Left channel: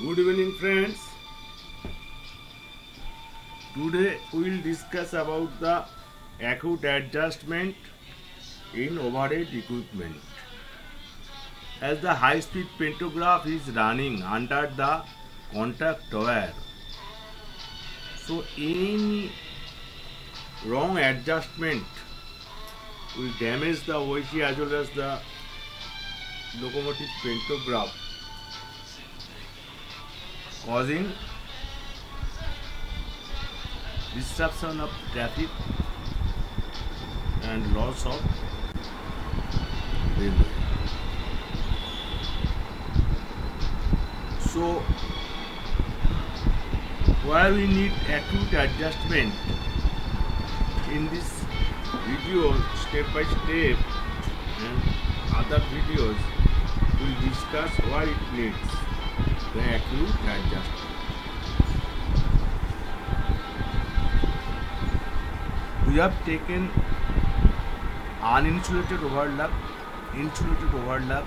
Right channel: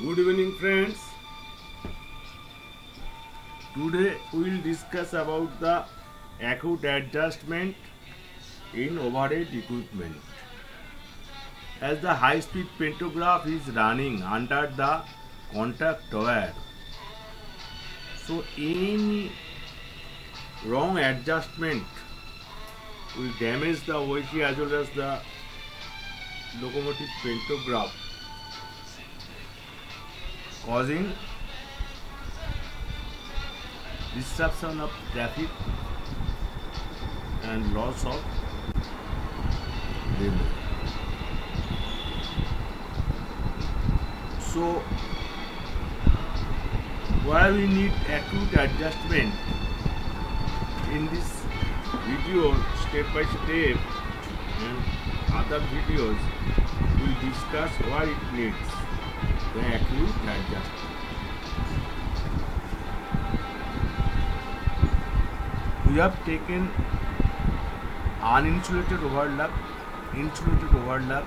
Good evening, friends. Today we will discuss about the acute adjustment in overhead equipment. As the high-speed pantograph is running under the contact wire, so any wrong adjustment will damage the vehicle as well as the locomotive pantograph, causing disruption of traffic and loss of revenue. So, where we need acute adjustment in this video, step by step, and other videos, we'll discuss why it needs the acute adjustment. We have taken uninsulated overlap, insulated overlap,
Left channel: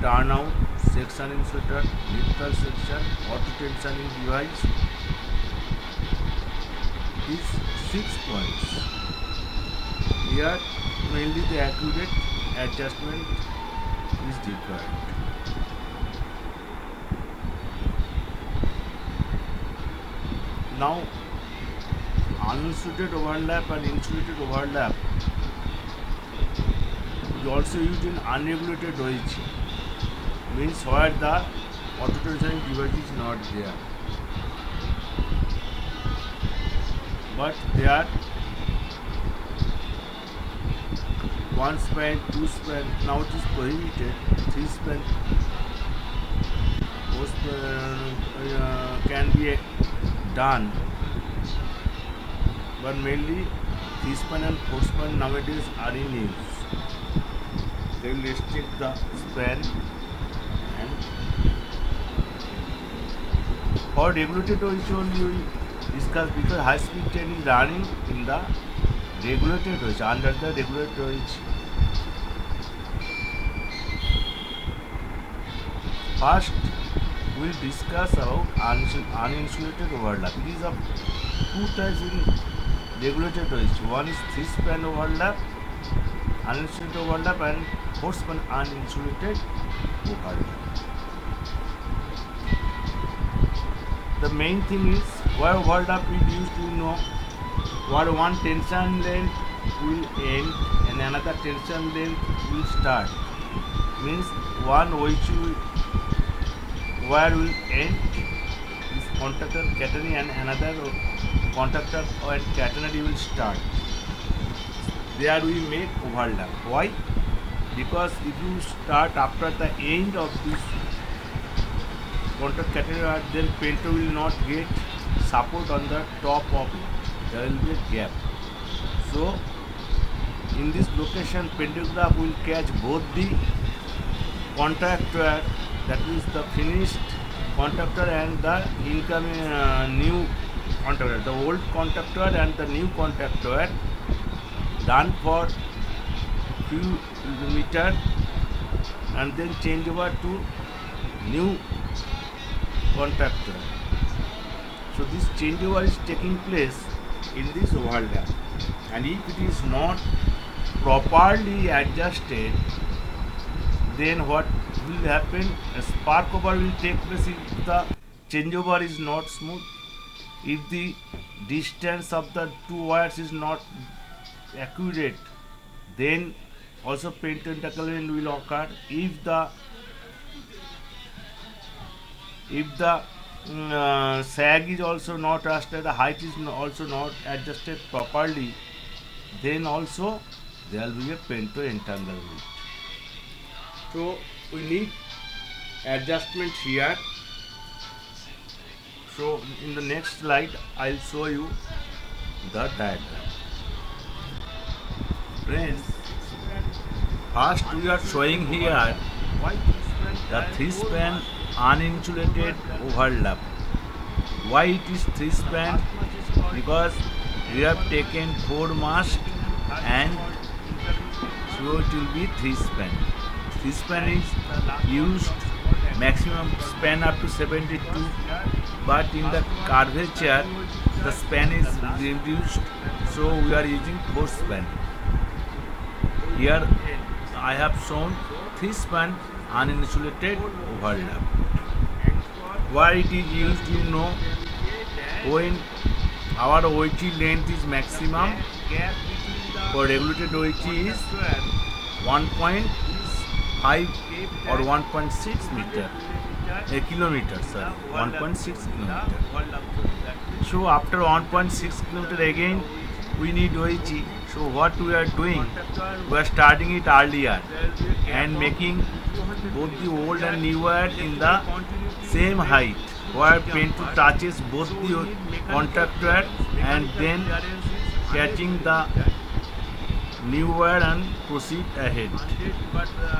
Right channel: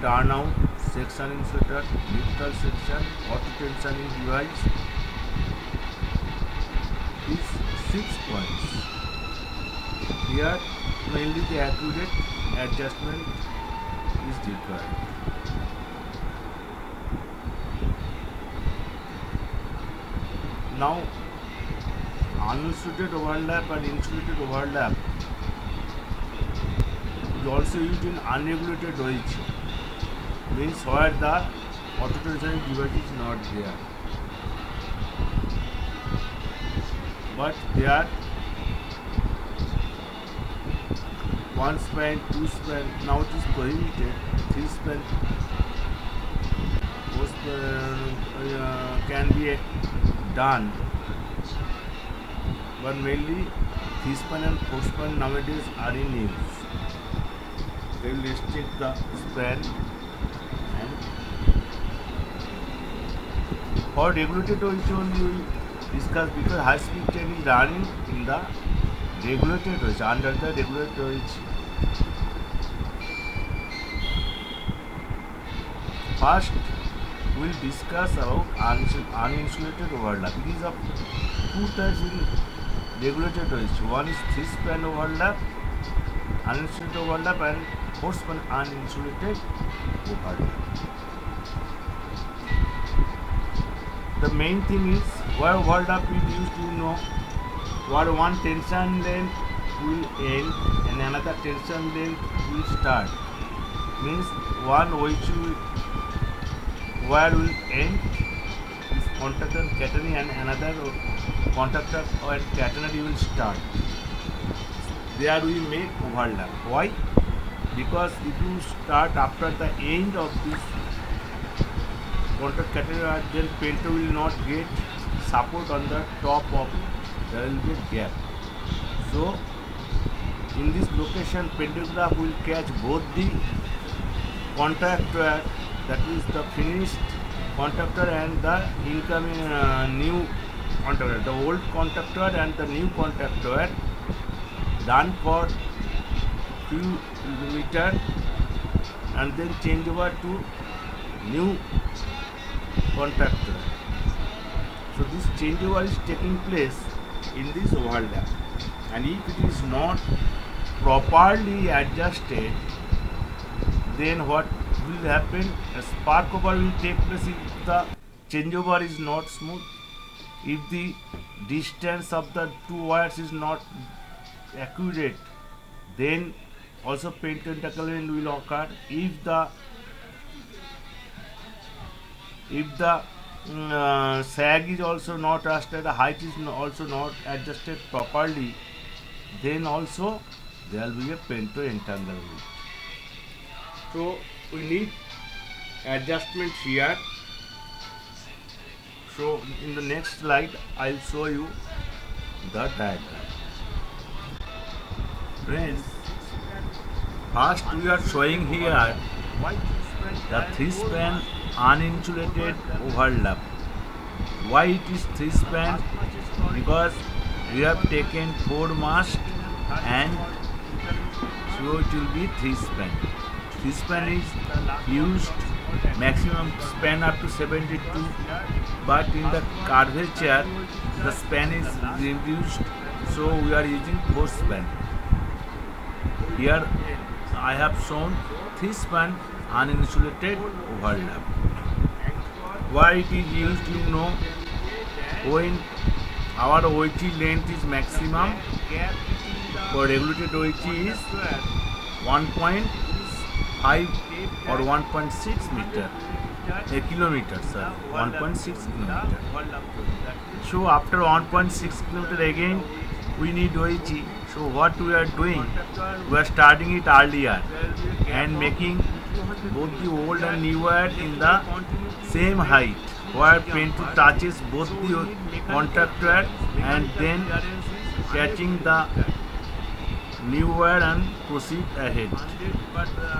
turnout, section insulator, neutral section, auto tensioning device. These 6 points. Here mainly the accurate adjustment is required. Now uninsulated overlap and insulated overlap is also used in unregulated wage, means where the auto tensioning device is not there, but there one span, two span, now it is prohibited, 3 span, 4 span can be done, but mainly 3 span and 4 span nowadays are in use. They will restrict the span, and for regulated wage only we will discuss, because high speed train is running in the regulated wage, under the regulated wage. First, we will discuss about uninsulated overlap. It is of two types in regulated wage. One is 3 span overlap, uninsulated overlap, and 4 span uninsulated overlap. The main thing is where overlap is used, where one tension length will end and another tension length will start. Means one wire will end is contactor catenary and another contactor or catenary will start. There we make overlap. Why? Because if you start after the end of this contact catenary, then pento will not get support on the top of it. There will be a gap. So in this location, pantograph will catch both the contact wire, that is the finished contactor, and the incoming new contactor, the old contactor and the new contactor, done for few meter and then change over to new contactor. So this changeover is taking place in this overlap, and if it is not properly adjusted, then what will happen? A spark over will take place if the changeover is not smooth, if the distance of the two wires is not accurate, then also pento entanglement will occur. If the sag is also not adjusted, the height is also not adjusted properly, then also there will be a pento entanglement. So we need adjustment here. So in the next slide I'll show you the diagram. Friends, first we are showing here the 3 span uninsulated overlap. Why it is 3 span? Because we have taken 4 mast and so it will be 3 span. 3 span is used maximum span up to 72, but in the curvature the span is reduced, so we are using 4 span. Here I have shown 3 span uninsulated overlap. Why it is used, you know, when our OHG length is maximum, for regulated OHG is 1.5 or 1.6 meter, a kilometer, sorry, 1.6 kilometer. So after 1.6 kilometer again we need OHG. So what we are doing, we are starting it earlier and making both the old and new wire in the same height, where pen to touches both the contact wire and then catching the new wire and proceed ahead.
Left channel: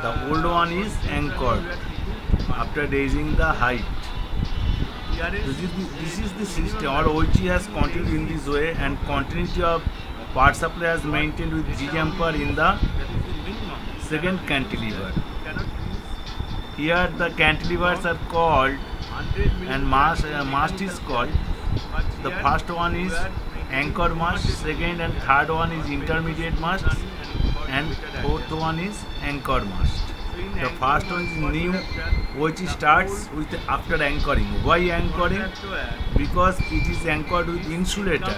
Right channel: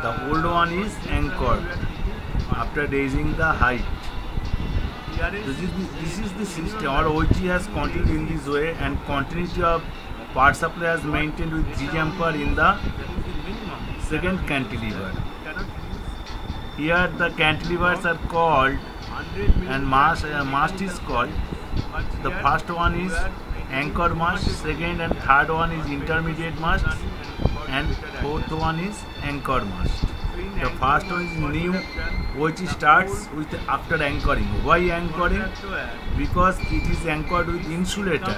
The old one is anchored after raising the height. This is the system. Our OHG has continued in this way, and continuity of power supply is maintained with G jumper in the second cantilever. Here the cantilevers are called, and mast is called. The first one is anchor mast, second and third one is intermediate mast, and fourth one is anchor mast. The first one is new, which starts with after anchoring. Why anchoring? Because it is anchored with insulator.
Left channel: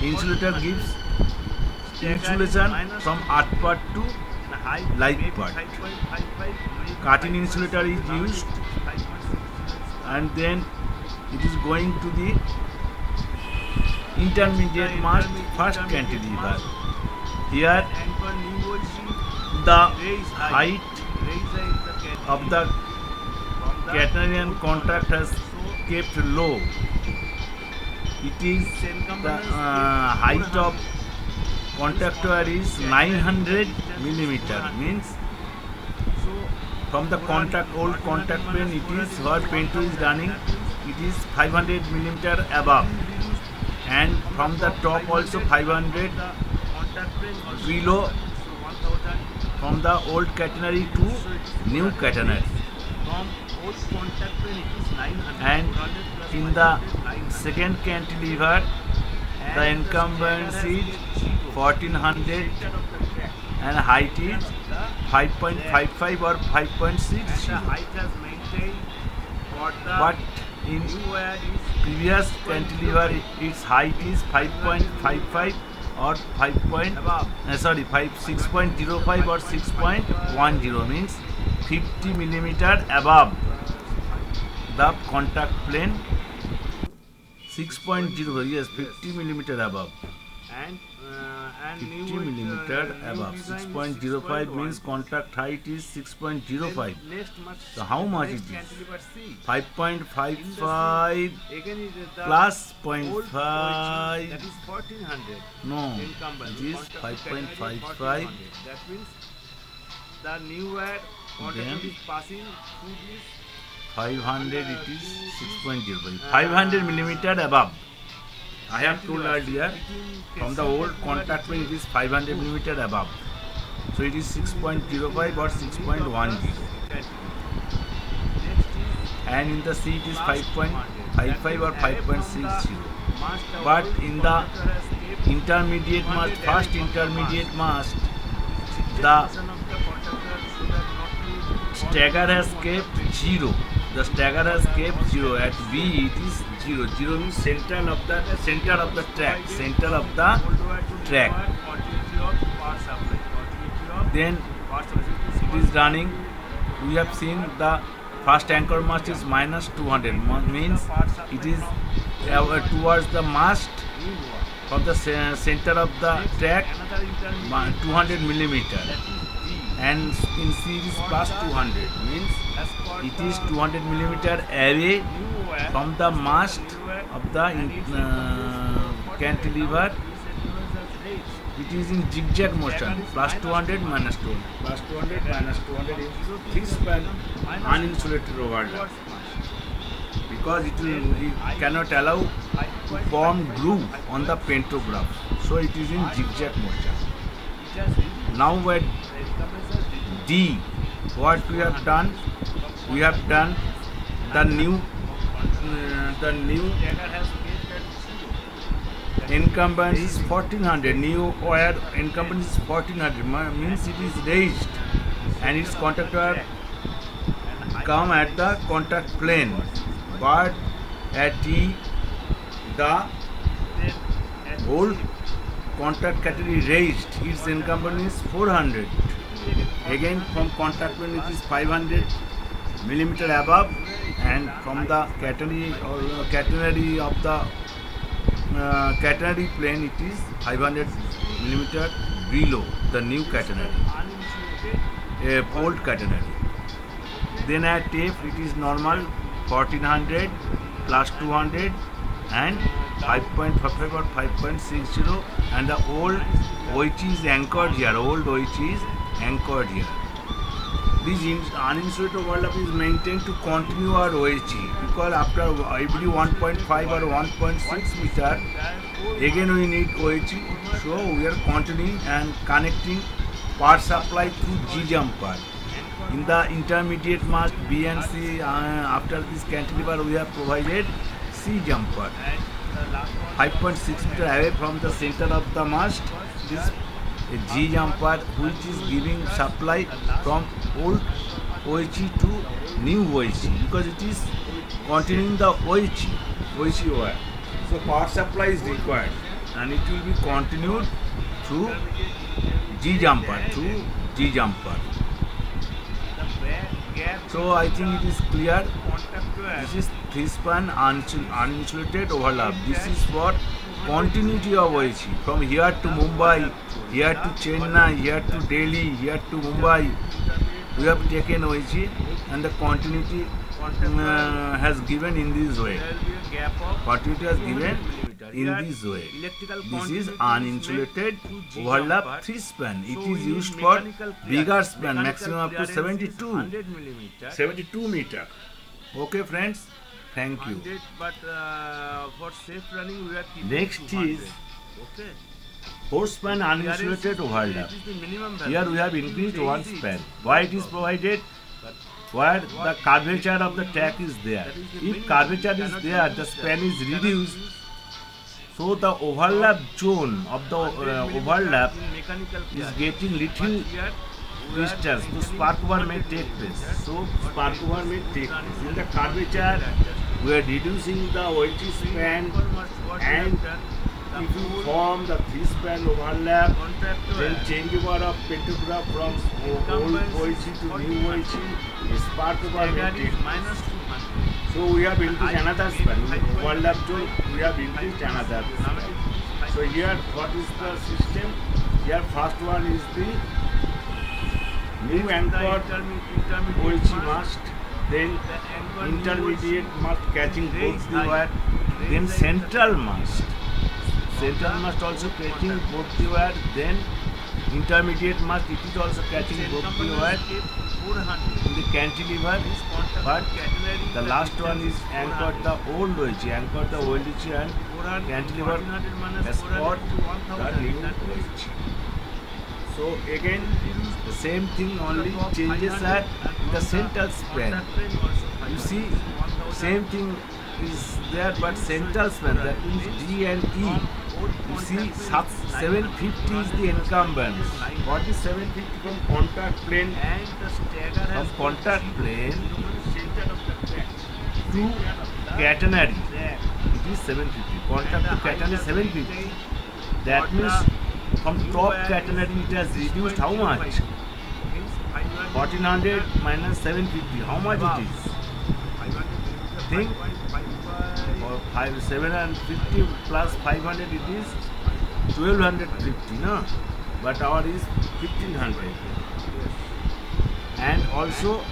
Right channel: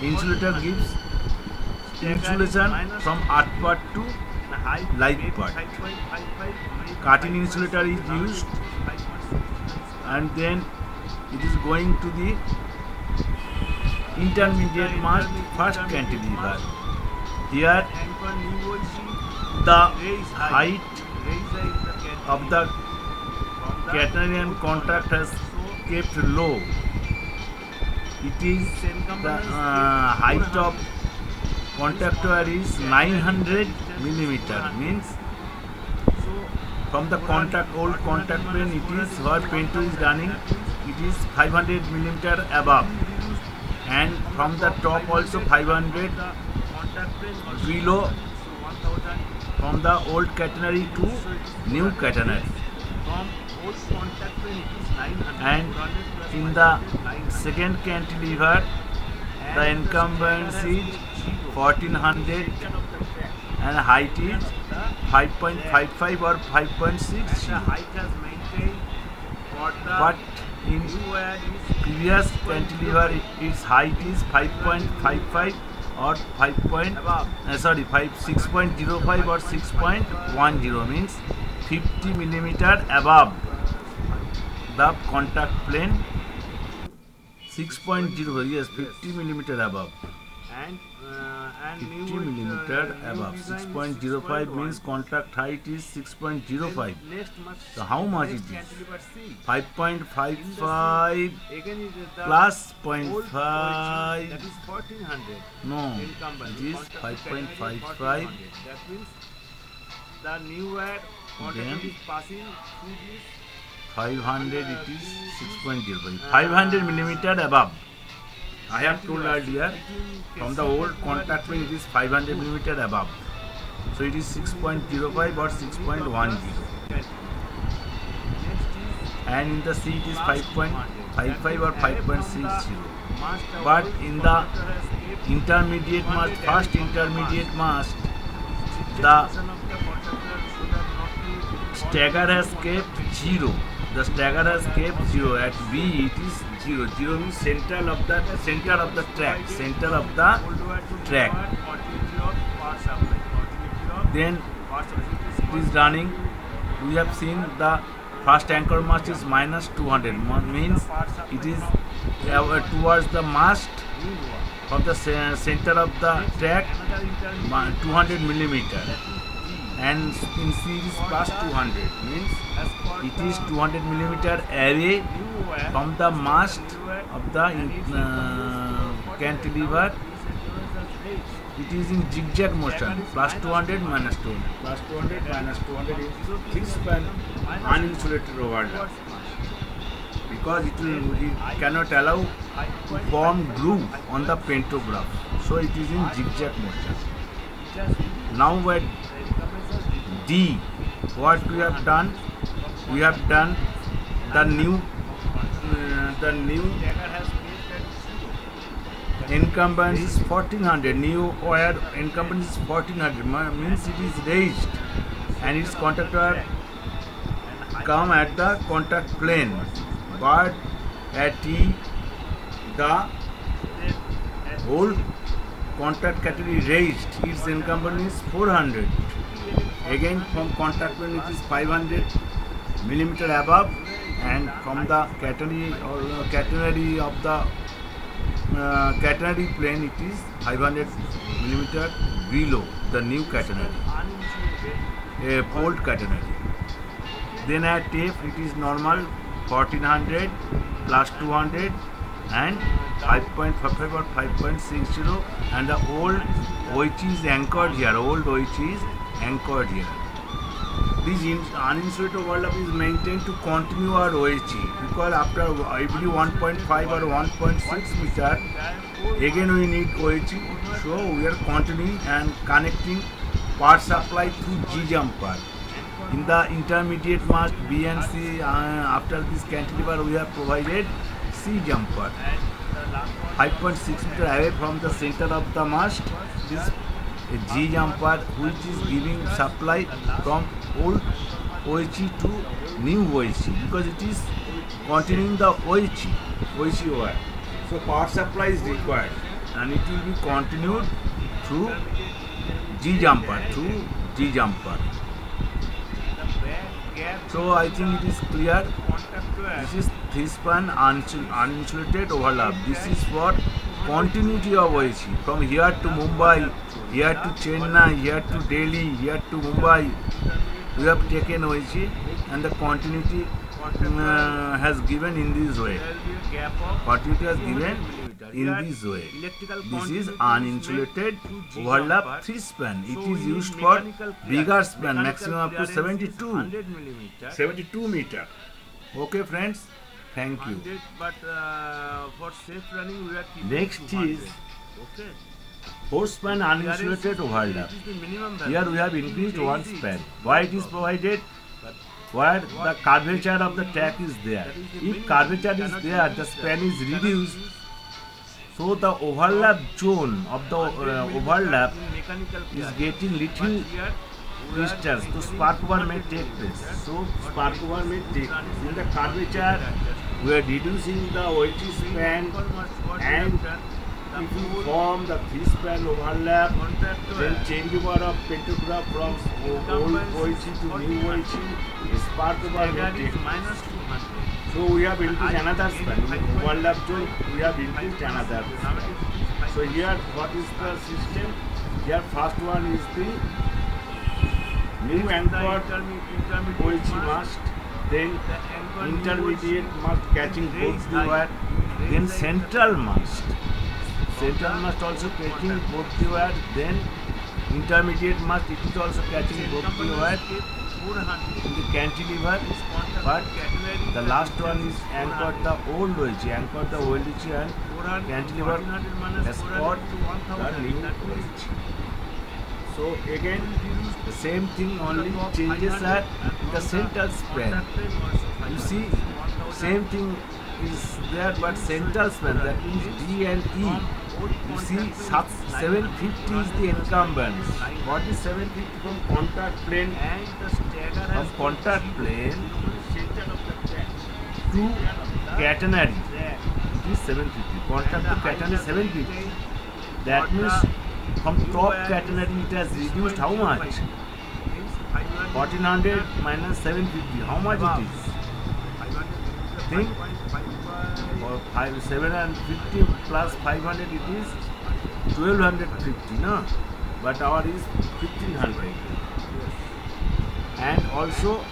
Insulator gives insulation from earth part to live part. Cutting insulator is used, and then it is going to the intermediate mast, first cantilever. Here the height of the catenarian contact has kept low. It is the height of contact wire is 900 millimeter, means from the old contact pen, it is where pen 2 is running, it is 500 millimeter above, and from the top also 500 below, from the old catenary to new catenary. And in the second cantilever, the encumbrance is 1400 and height is 5.55 or 5.60. But in previous cantilever, its height is 5.55 or 6.05 or 6.10, means 50 millimeter above the contact plane. 6.0, yes, 50 millimeter above. 50 millimeter above. 6.05 means contact height is 6.05. So how much it is? 5.55 plus 0.5. That is 1400. No, it is 5.55. That means the new wire contact is passing through this 500. It is 6.05. 500 millimeter above. I have told earlier, from the old contact pen it is 500 millimeter above. So it is 6.05 or 6.10. And in the C it is 5.55 or 5.60. But in the intermediate mast, first intermediate mast, the stagger has kept 0. The stagger has kept 0. At B it is 0. 0 means center of the track. Center of the track. Then it is running. We have seen the first anchor mast is minus 200. Means it is towards the mast from the center of the track 200 millimeter. And in C it is plus 200, means it is 200 millimeter away from the mast of the cantilever. It is in zigzag motion, plus 200 minus 200, plus 200 minus 200 is 3 span uninsulated overlap, because it cannot allow to form groove on the pantograph, so it is in zigzag motion. Now at D, what we have done, we have done the new incumbents is 1400. New wire incumbents is 1400. Means it is raised, and its conductor come at the contact plane, but at the old contact category raised, its incumbent is 400. Again from contact plane it is 500 millimeter above, and from the catenary or catenary of the catenary plane it is 500 millimeter below the new catenary, old catenary. Then at tape it is normal 1400 plus 200 and 5.55 or 5.60, and the old OH is anchored here. Old OH is anchored here. This uninsulated overlap is maintained to continue our OHE, because after every 1.5 or 1.6 meter again we need OHE, so we are continuing and connecting power supply through G jumper. In the intermediate mast B and C, after this cantilever we have provided C jumper. 5.6 meter away from the center of the mast, this G jumper which is giving supply from old OHE to new OHE, because it is continuing the OHE wire. So power supply is required, and it will be continued through G jumper, So I think it is clear. This is three-span uninsulated overlap. This is for continuity of OHE from here to Mumbai, here to Chennai, here to Delhi, here to Mumbai. We have taken OHE, and the continuity has given in this way. Continuity has given in this way. This is uninsulated overlap 3-span. It is used for bigger span, maximum up to 72 meter. Okay, friends. Thank you. But for safe running, we are keeping Next 200. is 4-span uninsulated overlap. Here we have increased one span. Why it is provided? Where the curvature of the track is there. If curvature is there, the span is reduced. So the overlap zone of the overlap is getting little distance. So spark over may take place. In the curvature, we are reducing the OHE span, and if you form the 3-span overlap, then changeover of pantograph from old OHE to new OHE, spark over may take place. So we have increased another span. Overlap zone, we have increased another span. So here, what is the system? Here, first one is the new anchored OHE mast, then intermediate mast catching both the wire, then central mast also catching both the wire, then intermediate mast, it is also catching both the wire in the cantilever, but the last one is anchored the old OHE, and cantilever has got the new OHE. So again, the same thing, only changes are in the central span. You see, same thing is there, but central span, that means D and E. You see, 750 is the incumbent. What is 750 from contact plane? From contact plane to catenary, it is 750. Contact to catenary 750. That means from top catenary it has reduced how much? 1400 minus 750. How much it is? Think. Or 750 plus 500, it is 1250, no? But our is 1500. And also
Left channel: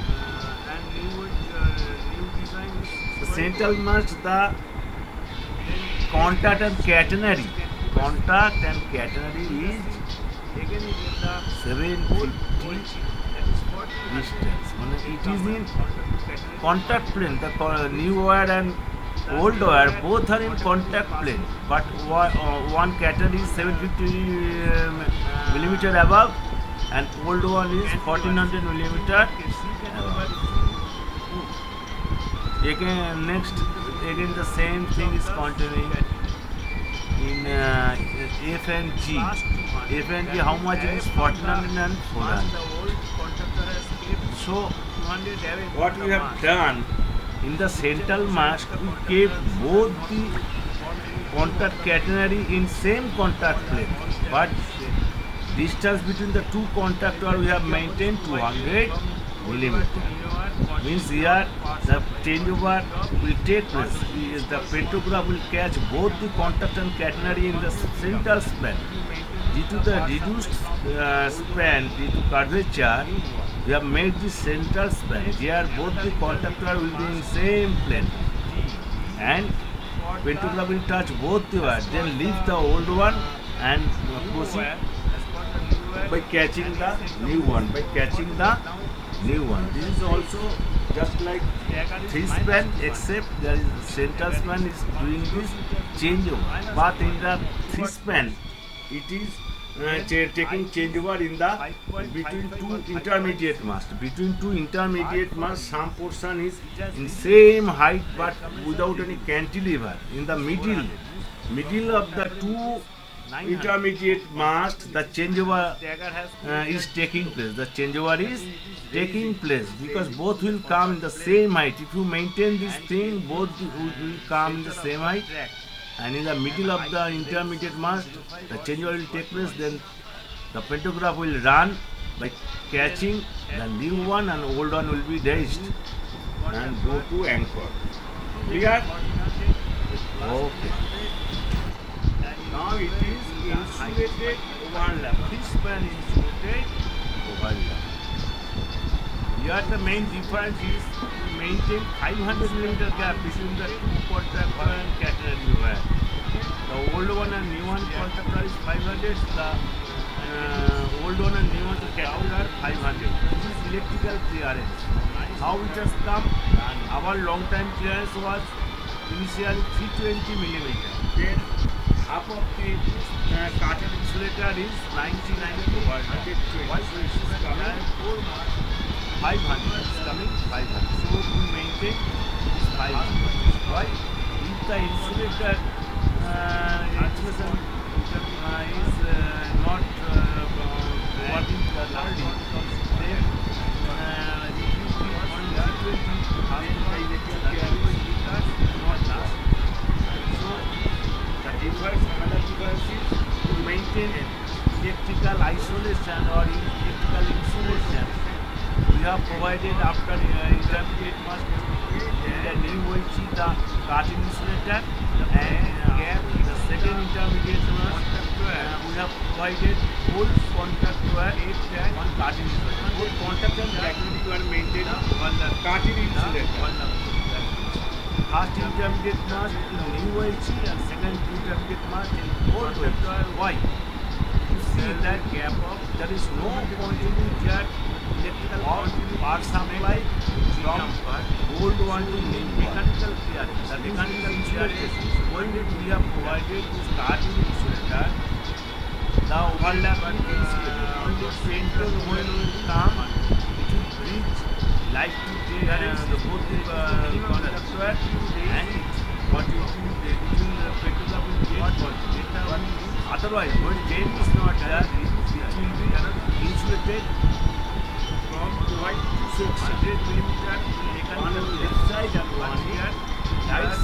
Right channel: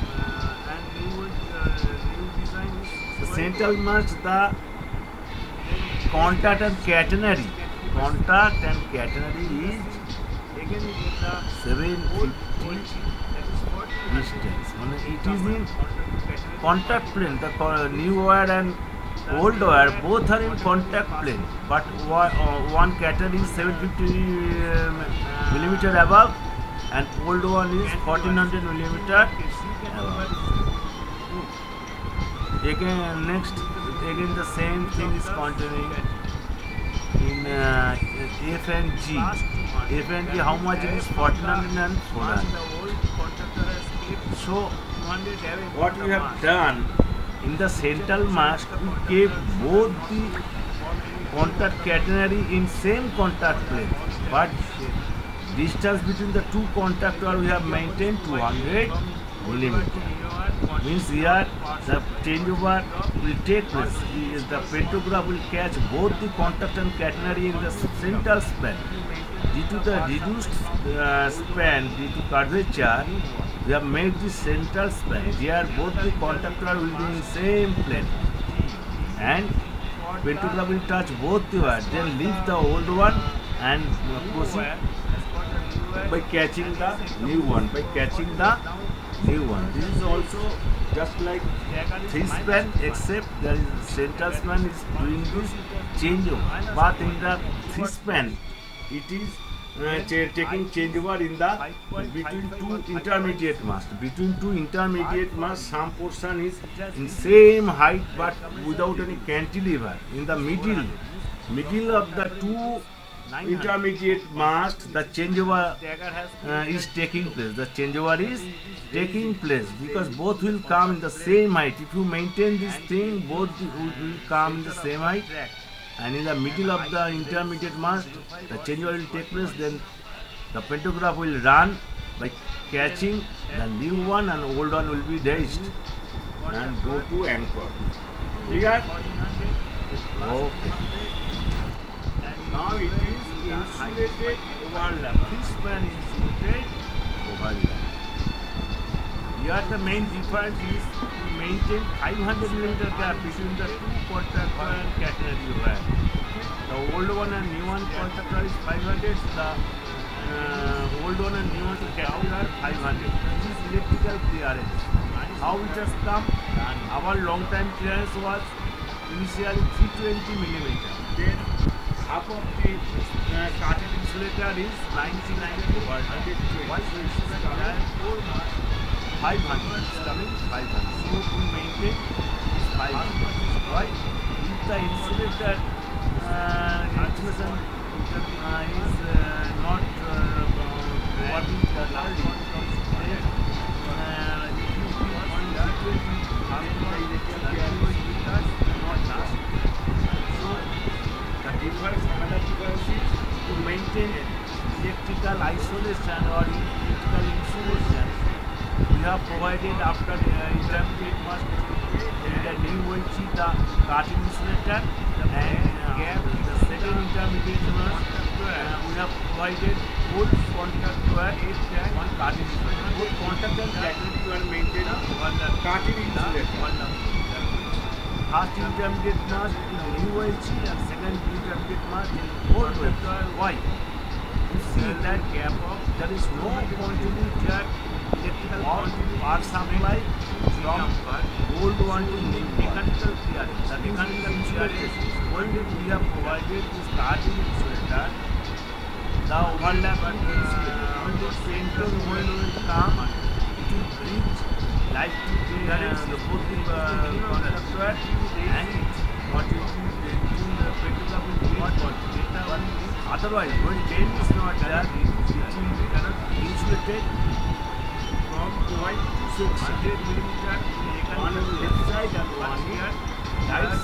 the central mast, the contact and catenary is 750 distance. It is in contact plane. The new wire and old wire both are in contact plane, but one catenary is 750 millimeter above, and old one is 1400 millimeter above. Again, next, again the same thing is continuing in F and G. F and G, how much it is? 1400 and 400. So, what we have done in the central mast, we kept both the contact catenary in same contact plane, but distance between the two contactor we have maintained 200 millimeter. Means here the changeover will take place. The pantograph will catch both the contact and catenary in the central span. Due to the reduced span, due to curvature, we have made the central span. Here both the contactor will be in same plane, and pantograph will touch both the wires. Then leave the old one and proceed by catching the new one. This is also just like three span, except there is central span is doing this changeover. But in the three span, it is taking changeover in the between two intermediate masts. Between two intermediate masts, some portion is in same height but without any cantilever. In the middle of the two intermediate mast, the changeover is taking place. The changeover is taking place because both will come in the same height. If you maintain this thing, both will come in the same height. And in the middle of the intermediate mast, the changeover will take place. Then the pantograph will run by catching the new one, and old one will be raised and go to anchor. Clear? Okay. Now it is insulated overlap. This span insulated overlap. Here the main difference is to maintain 500 millimeter gap between the two contactor and catenary wire. The old one and new one contactor is 500. The old one and new one catenary are 500. This is electrical clearance. How it has come? Our long time clearance was initially 320 millimeter. Then half of the cartridge insulator is 99 to 120. Why so it is coming 500? It's coming 500. So we maintain this 500. Why? If the insulator insulation is not working properly, then if you keep on 320, then the electrical clearance not last. So another difference is to maintain electrical isolation or electrical insulation. We have provided after intermediate mast in the new OHE the cartridge insulator, and the second intermediate mast we have provided both contact wire one cartridge insulator. Both contact and catenary were maintained on the cartridge insulator. First intermediate mast in new OHE and second intermediate mast in old OHE. Why? You see that gap of there is no continuity at electrical power supply from old one to new mechanical clearance. The mechanical clearance is when we have provided this cartridge insulator. The overlap only center when will come, it will bridge like to the both the conductor and continuity between pantograph will get data. Otherwise, when chain is not there, it will be insulated from point to 600 millimeter on the left side and one here. That's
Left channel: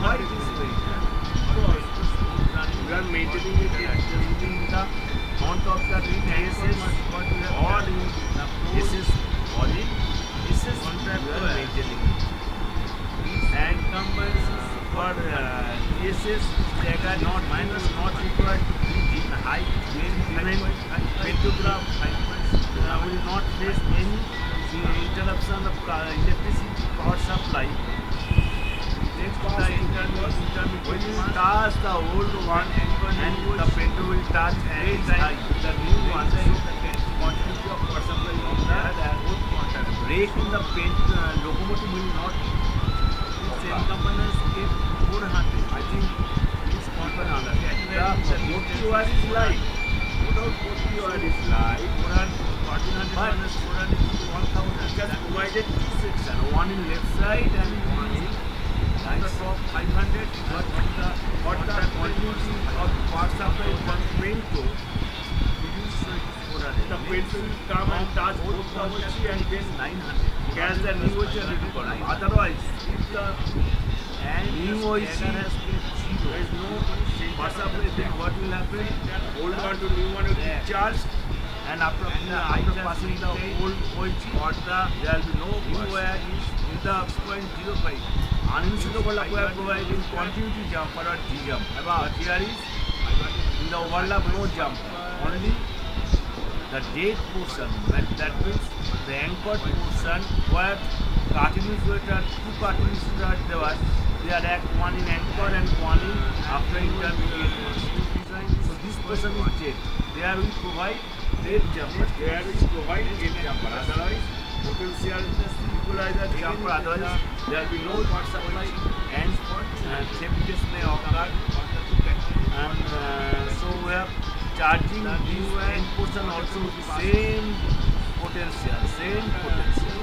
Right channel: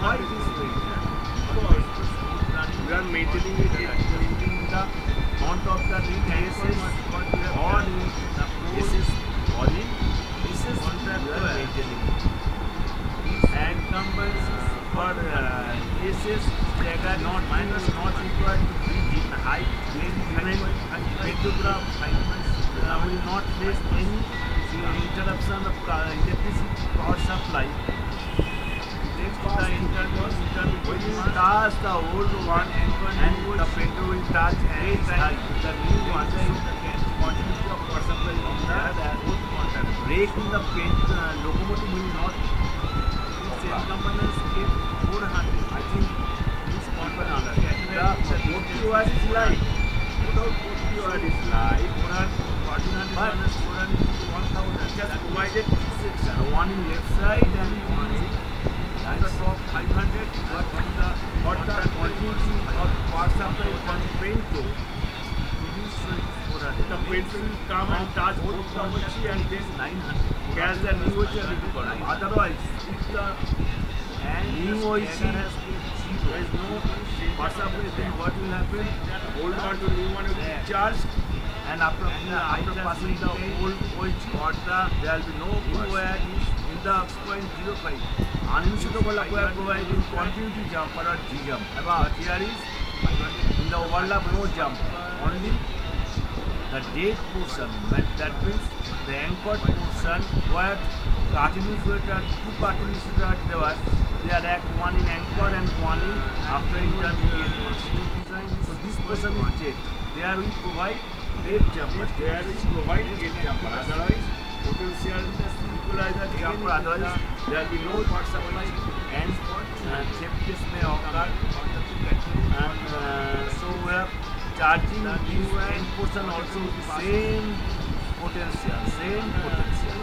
why it is better. Because we are maintaining it using the front of the ring ASS or in the ASS or in ASS contract we are maintaining it. And combines for TSS stagger not minus not required to bridge in height when given pantograph will not face any interruption of electricity power supply. Next the intermediate will touch the old one and the pantograph will touch and the new one, so continuity of power supply on the old contact. Brake in the locomotive will not. Same components keep 400. I think this component the 40 wire is light. Without 40 wire is light. 400 1400 But minus 400 is 1000. just That provided two sections. one in left side and one in on the Nice. top 500, but on the For the continuity of power supply from Pento, reduced, so it is 400. the Pento will come and touch both the OHE and then 900. catch the new OHE and return. Otherwise, if the new OHE has get zero, there is no power supply, then what will happen? Old one to new one will be charged, and after passing the old OHE, there will be no new wire in the 6.05. Uninsured overlap wire providing continuity jumper or G jump. But here is in the overlap no jump, only the dead portion. That means the anchored portion where cutting insulator, two cutting insulator there, they are one in anchor and one in after intermediate. So this portion is dead. There we provide dead jumper. There we provide dead jumper. Otherwise, potential equalizer jumper. Otherwise, there will be no power supply and theft may occur. And so we have charging this end portion also with the same potential.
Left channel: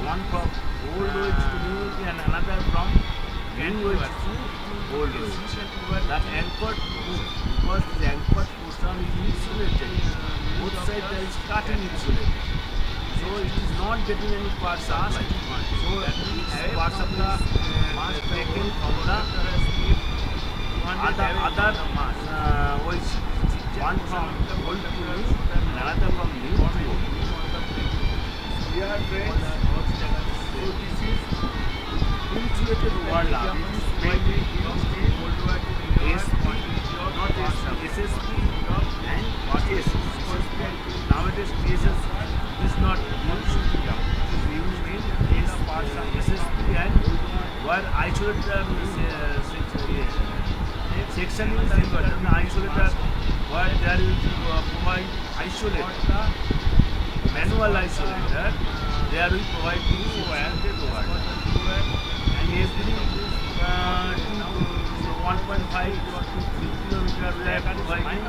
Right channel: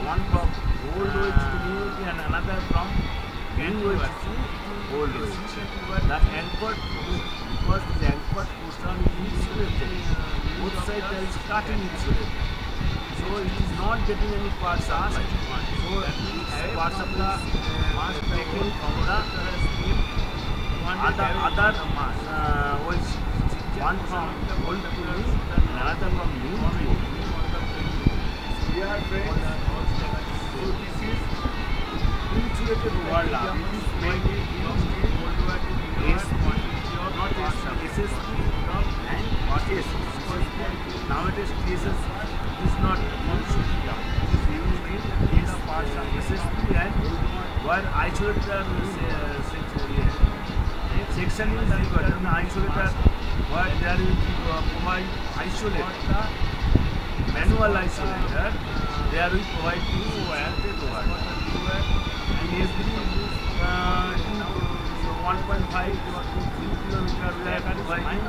One from old OH to new OH and another from new OH to old OH. The anchored, because this anchored portion is insulated, both sides there is cutting insulated. So it is not getting any power supply. So each power supply must taken from the other OH. One from old to new and another from new to old. Dear friends, so this is insulated overlap. It is mainly used in SP, not SSP and TSS. Nowadays TSS is not used. It is used in SSP and where isolator section is isolator where there will provide isolator, manual isolator. There we provide insulated wire and every 1.5 to 3 kilometer we are providing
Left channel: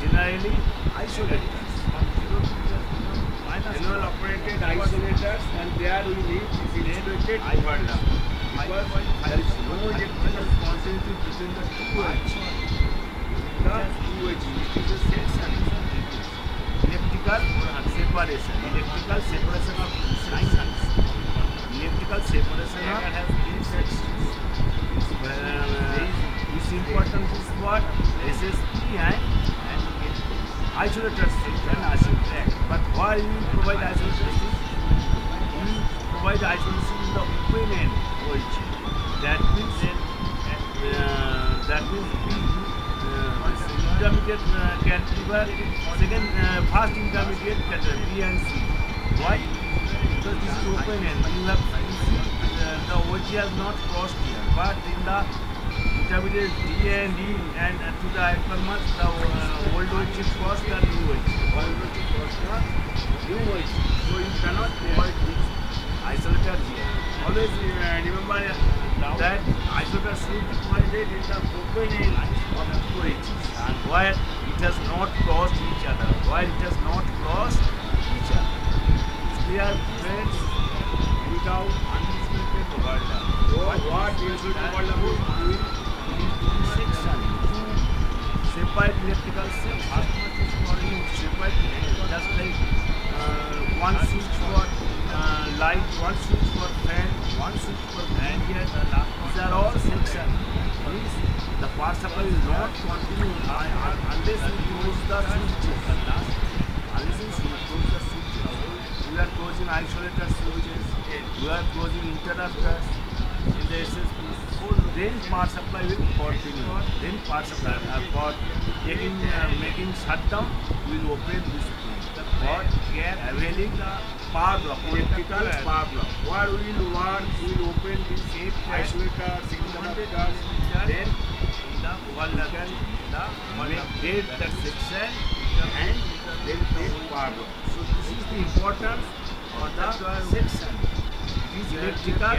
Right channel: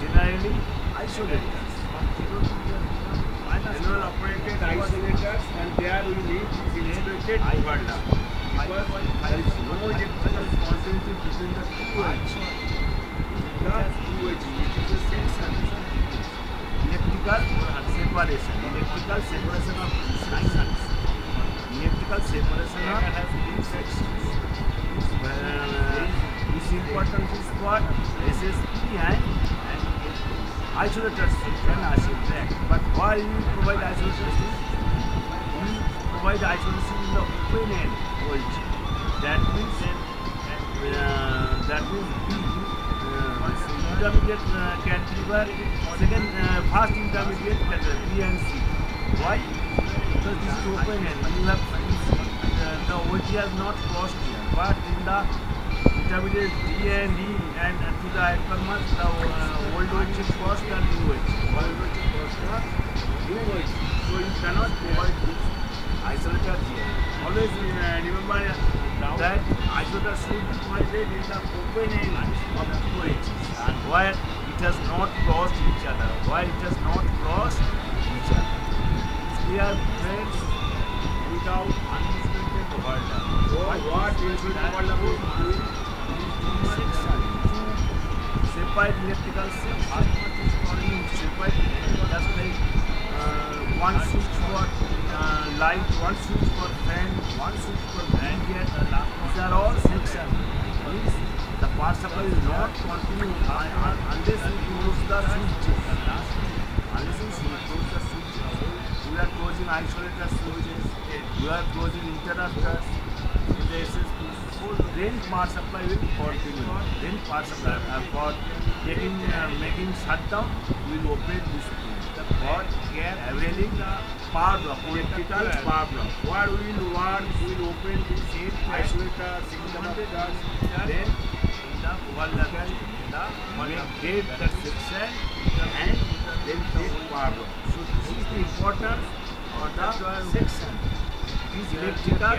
generally isolators, manual operated isolators, and there we need this insulated overlap because there is no electrical continuity between the two OH. The two OH, which is a section. Electrical separation of 900. Electrical separation has three sections. This important is what SSP and isolators can track. But why you provide isolators? You provide isolation in the open end OH. That means B. Intermediate cantilever, first intermediate cantilever B and C. Why? Because this is open end. You have the OG has not crossed here, but in the intermediate D and E and to the anchor mark, the old OH is crossed and new OH. Old OH is crossed and new OH. So you cannot provide this isolator here. Always remember that isolator should be provided in the open end of two OHs and where it has not crossed each other. It's clear, friends, without uninsulated overlap. What insulated overlap is doing? It is doing section. Separate electrical section. Separate, just like one switch for light, one switch for fan, one switch for blanket. These are all sections. Means the power supply will not continue unless we close the switches. We are closing isolator switches. We are closing interrupters in the SSP. Then power supply will continue. Then power supply for making shutdown, we will open this thing. For availing the power block, electrical power block. Where we will open this isolator, interrupters. Then the overlap make that section and then take power block. So this is the importance of the section. It is electrical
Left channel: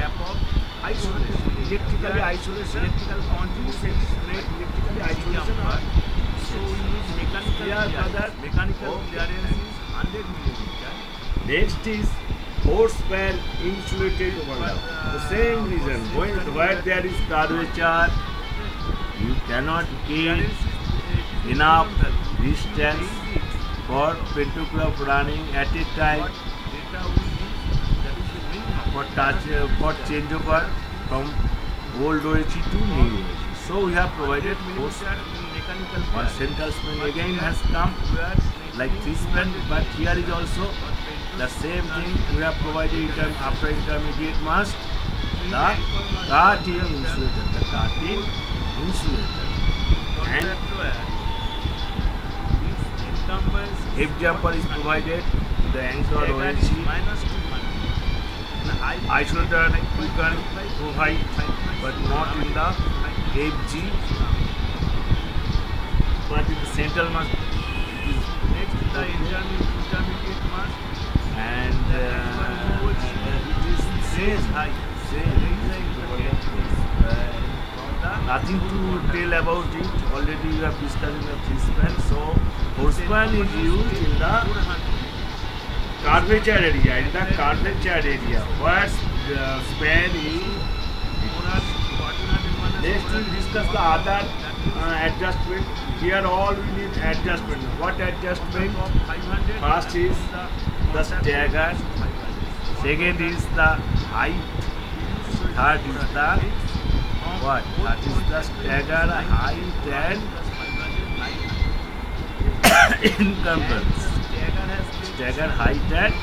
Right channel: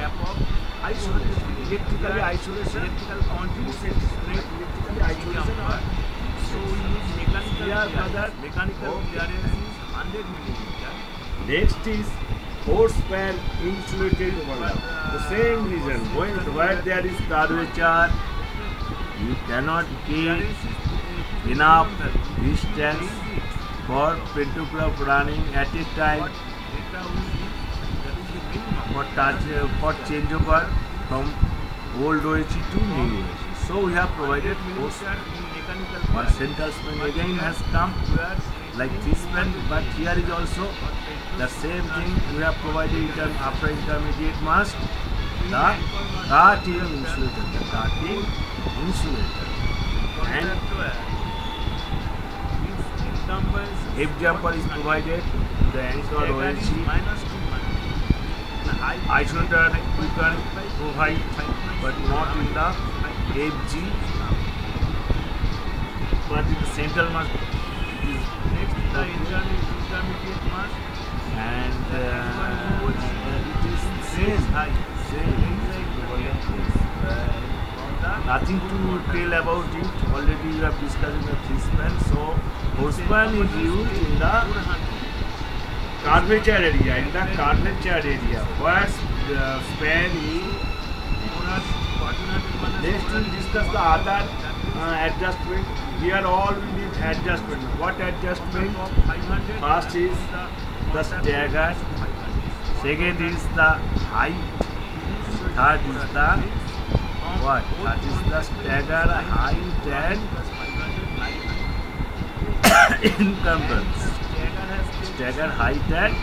isolation. Electrical continuous section. Electrical isolation. So we need mechanical clearance is 100 millimeter. Next is horse span insulated overlap. The same reason, where there is curvature, you cannot get enough distance for pantograph running at a time for changeover from old OHE to new OHE. So we have provided force. One central span again has come like this span, but here is also the same thing. We have provided after intermediate mast the cutting insulator, and F jumper is provided. The anchor OHE isolator you can provide, but not in the FG, but in the central mast it is next the intermediate mast, and it is same. Nothing to tell about it. Already we have discussed in the three span. So horse span is used in the curvature area. Where the span is. Next we'll discuss the other adjustment. Here all we need adjustment. What adjustment? First is the stagger. Second is the height. Third is the what? That is the stagger, height, and encumbrance. Stagger, height, and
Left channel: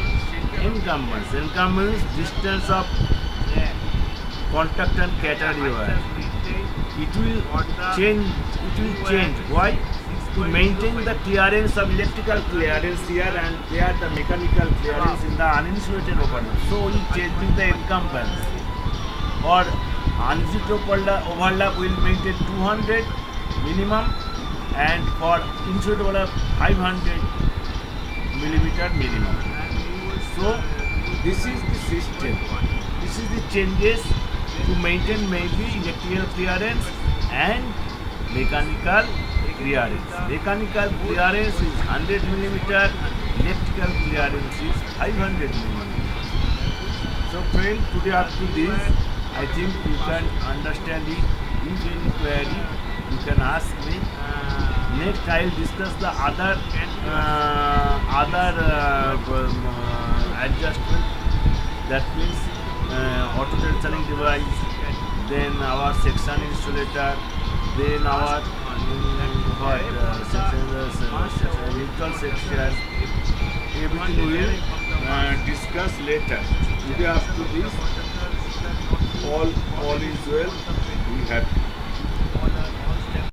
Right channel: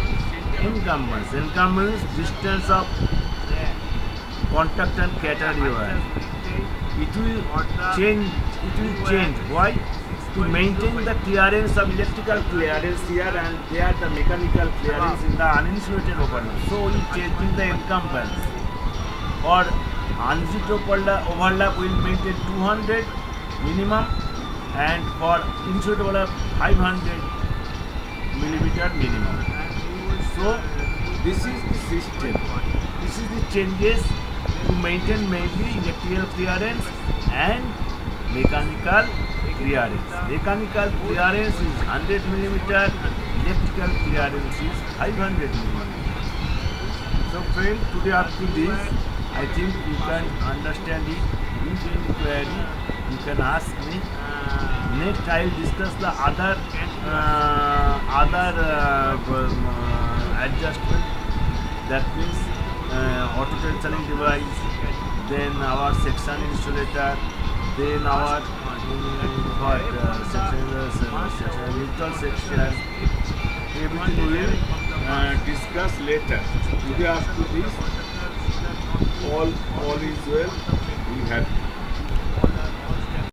encumbrance. Encumbrance, distance of contact and catenary. It will change. Why? To maintain the clearance of electrical clearance here and there, the mechanical clearance in the uninsulated overlap. So we changing the encumbrance. Or uninsulated overlap will maintain 200 minimum, and for insulated overlap 500 millimeter minimum. So this is the system. This is the changes to maintain mainly electrical clearance and mechanical clearance. Mechanical clearance is 100 millimeter, electrical clearance is 500 millimeter. So friend, today up to this, I think you can understand it. If any query, you can ask me. Next, I will discuss the other adjustment. That means auto tensioning device, then our section insulator, then our neutral section. Everything we will discuss later. Today after this, all is well. We have